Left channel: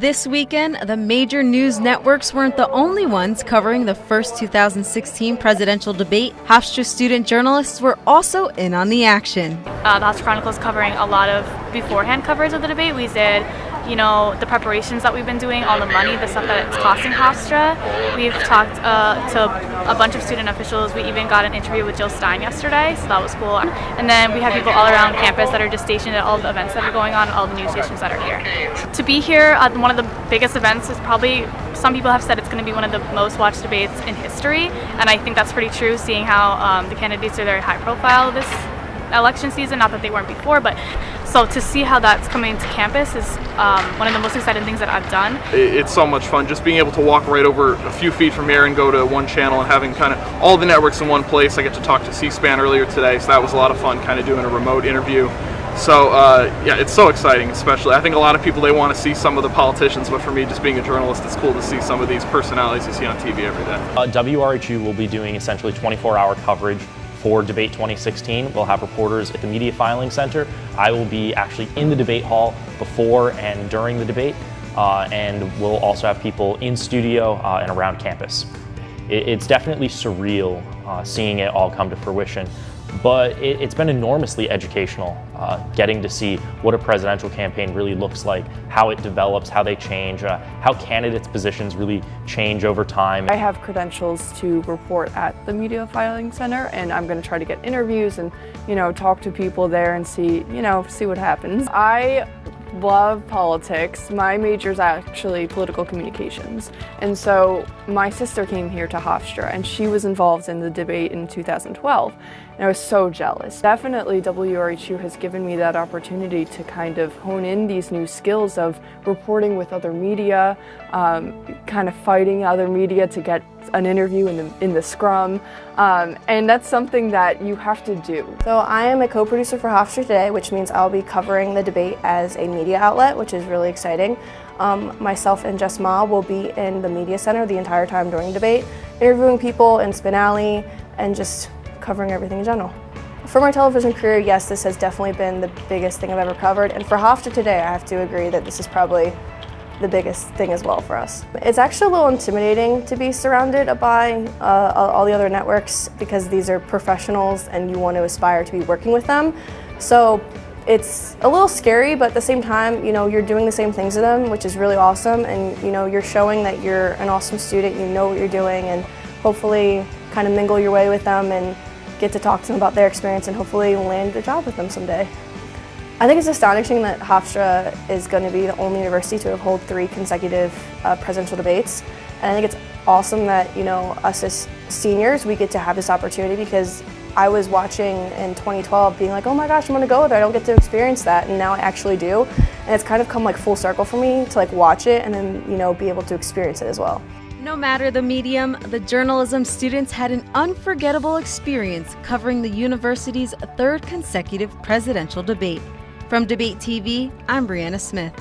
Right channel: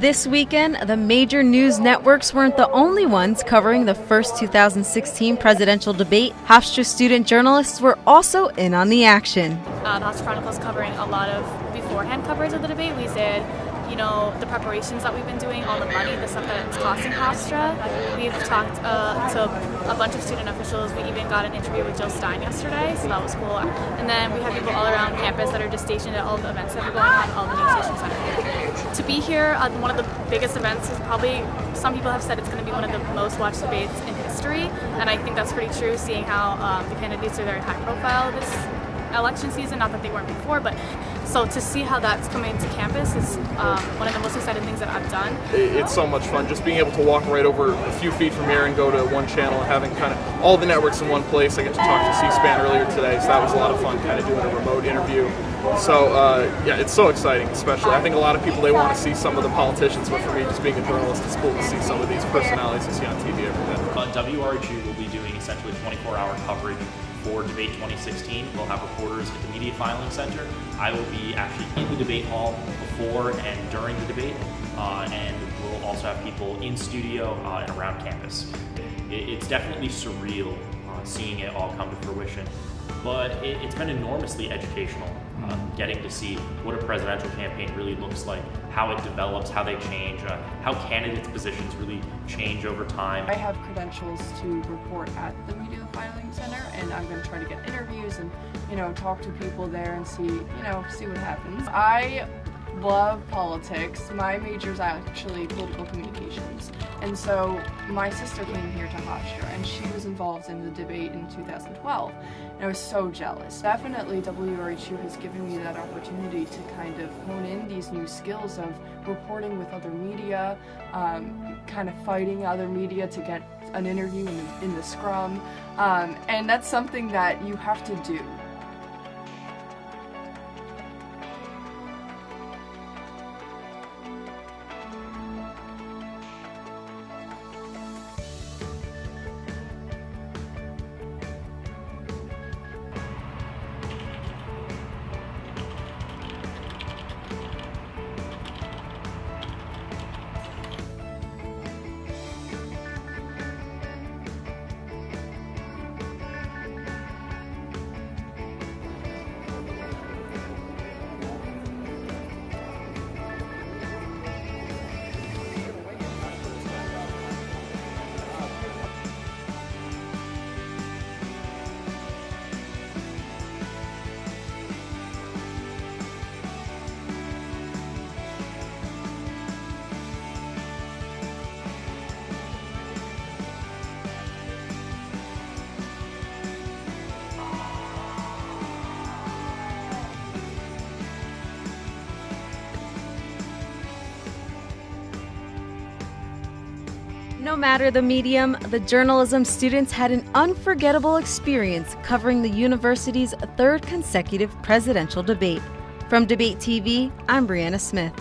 This weekend, the major news networks weren't the only ones covering the first 2016 presidential debate. Hofstra student journalists were also in on the action. The Hofstra Chronicle's covering a lot of beforehand coverage of the debate. We did, the preparations that we've been doing, all the money, the stuff that it's costing Hofstra. We've talked to a bunch of student officials. We even got an interview with Jill Stein yesterday, so that was cool. And then we have people all around campus that are just stationed at all the events that are going on, all the news stations that are here. To be here at one of the biggest events is probably, some people have said it's going to be one of the most watched debates in history, and I think that's pretty true, seeing how the candidates are very high profile this election season. Not that they weren't before, but so to see how that's coming to campus is one of the most exciting things that I've done. It's so much fun just being able to walk right over a few feet from here and go to one channel and having kind of all the networks in one place. I get to talk to C-SPAN earlier today, so that was a lot of fun, kind of doing a remote interview. So yeah, it's so exciting. Especially, I think a lot of people, they want to see some of the politicians, but for me, just being a journalist, it's cool to see some of these personalities you see on TV every day. WRHU will be doing essentially 24-hour coverage for Debate 2016. We'll have reporters at the Media Filing Center. I will be actually in the debate hall before and during the debate, and we'll also have people in studio and around campus. It's definitely surreal seeing it all come to fruition, but it's been enormously educational, getting to see what a presidential campaign really looks like, how it develops, how they change, how candidates' positions really change over time. I have credentials to report at the Media Filing Center, and I'm going to try to get interviews and, talk to people there and see what happens. I love politics. My major is actually political communications, and so my sister came here to Hofstra and she was involved in the debate in 2012, and I was so jealous. Definitely WRHU has given me that opportunity to kind of hone in these new skills of reporting with other media, kind of fighting other media to get an interview in the scrum, and that's something that you have to do. So I am a co-producer for Hofstra today, which means I'll be covering the debate as a media outlet, which is really exciting. Myself and Jess Ma will be in the media center the entire time during the debate, interviewing people in Spin Alley and just covering everything in general. For my television career, yes, this has definitely been the biggest thing I've ever covered, and for Hofstra today, I have to agree that this is probably the biggest thing as well for us. It's actually a little intimidating to be surrounded by all the other networks, because these are professionals and you want to aspire to be working with them. So it's a little scary, but at the same time, you're doing the same things as them, which is really awesome, and you're showing that you're an awesome student, you know what you're doing, and hopefully kind of mingle your way with them and get to talk to them about their experience and hopefully land a job with them someday. I think it's astonishing that Hofstra is going to be the only university to hold 3 consecutive presidential debates. And I think it's awesome that, us as seniors, we get to have this opportunity, because I was watching in 2012 being like, oh my gosh, I'm going to go there, I don't get to experience that, and now I actually do. And it's kind of come full circle for me to watch it and then, be able to experience it as well. No matter the medium, the journalism students had an unforgettable experience covering the university's 3rd consecutive presidential debate. From DebateTV, I'm Brianna Smith.